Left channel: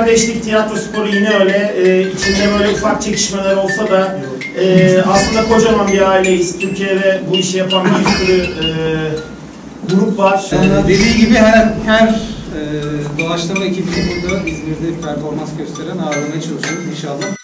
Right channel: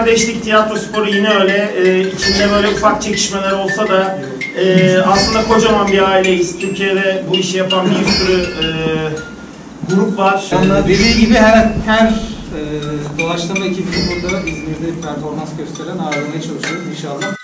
kardeşlik, tiyatro sporu yine öyle. İçinde böyle ufak çekişmeler olsa da aslında kocaman bir aileyiz. Türkiye'de bu işi yapan bir sürü grup var. Dediği gibi her doğaçlama ekibini burada İzmir'de performans gösteren ağırlamaya çalışıyoruz inşallah.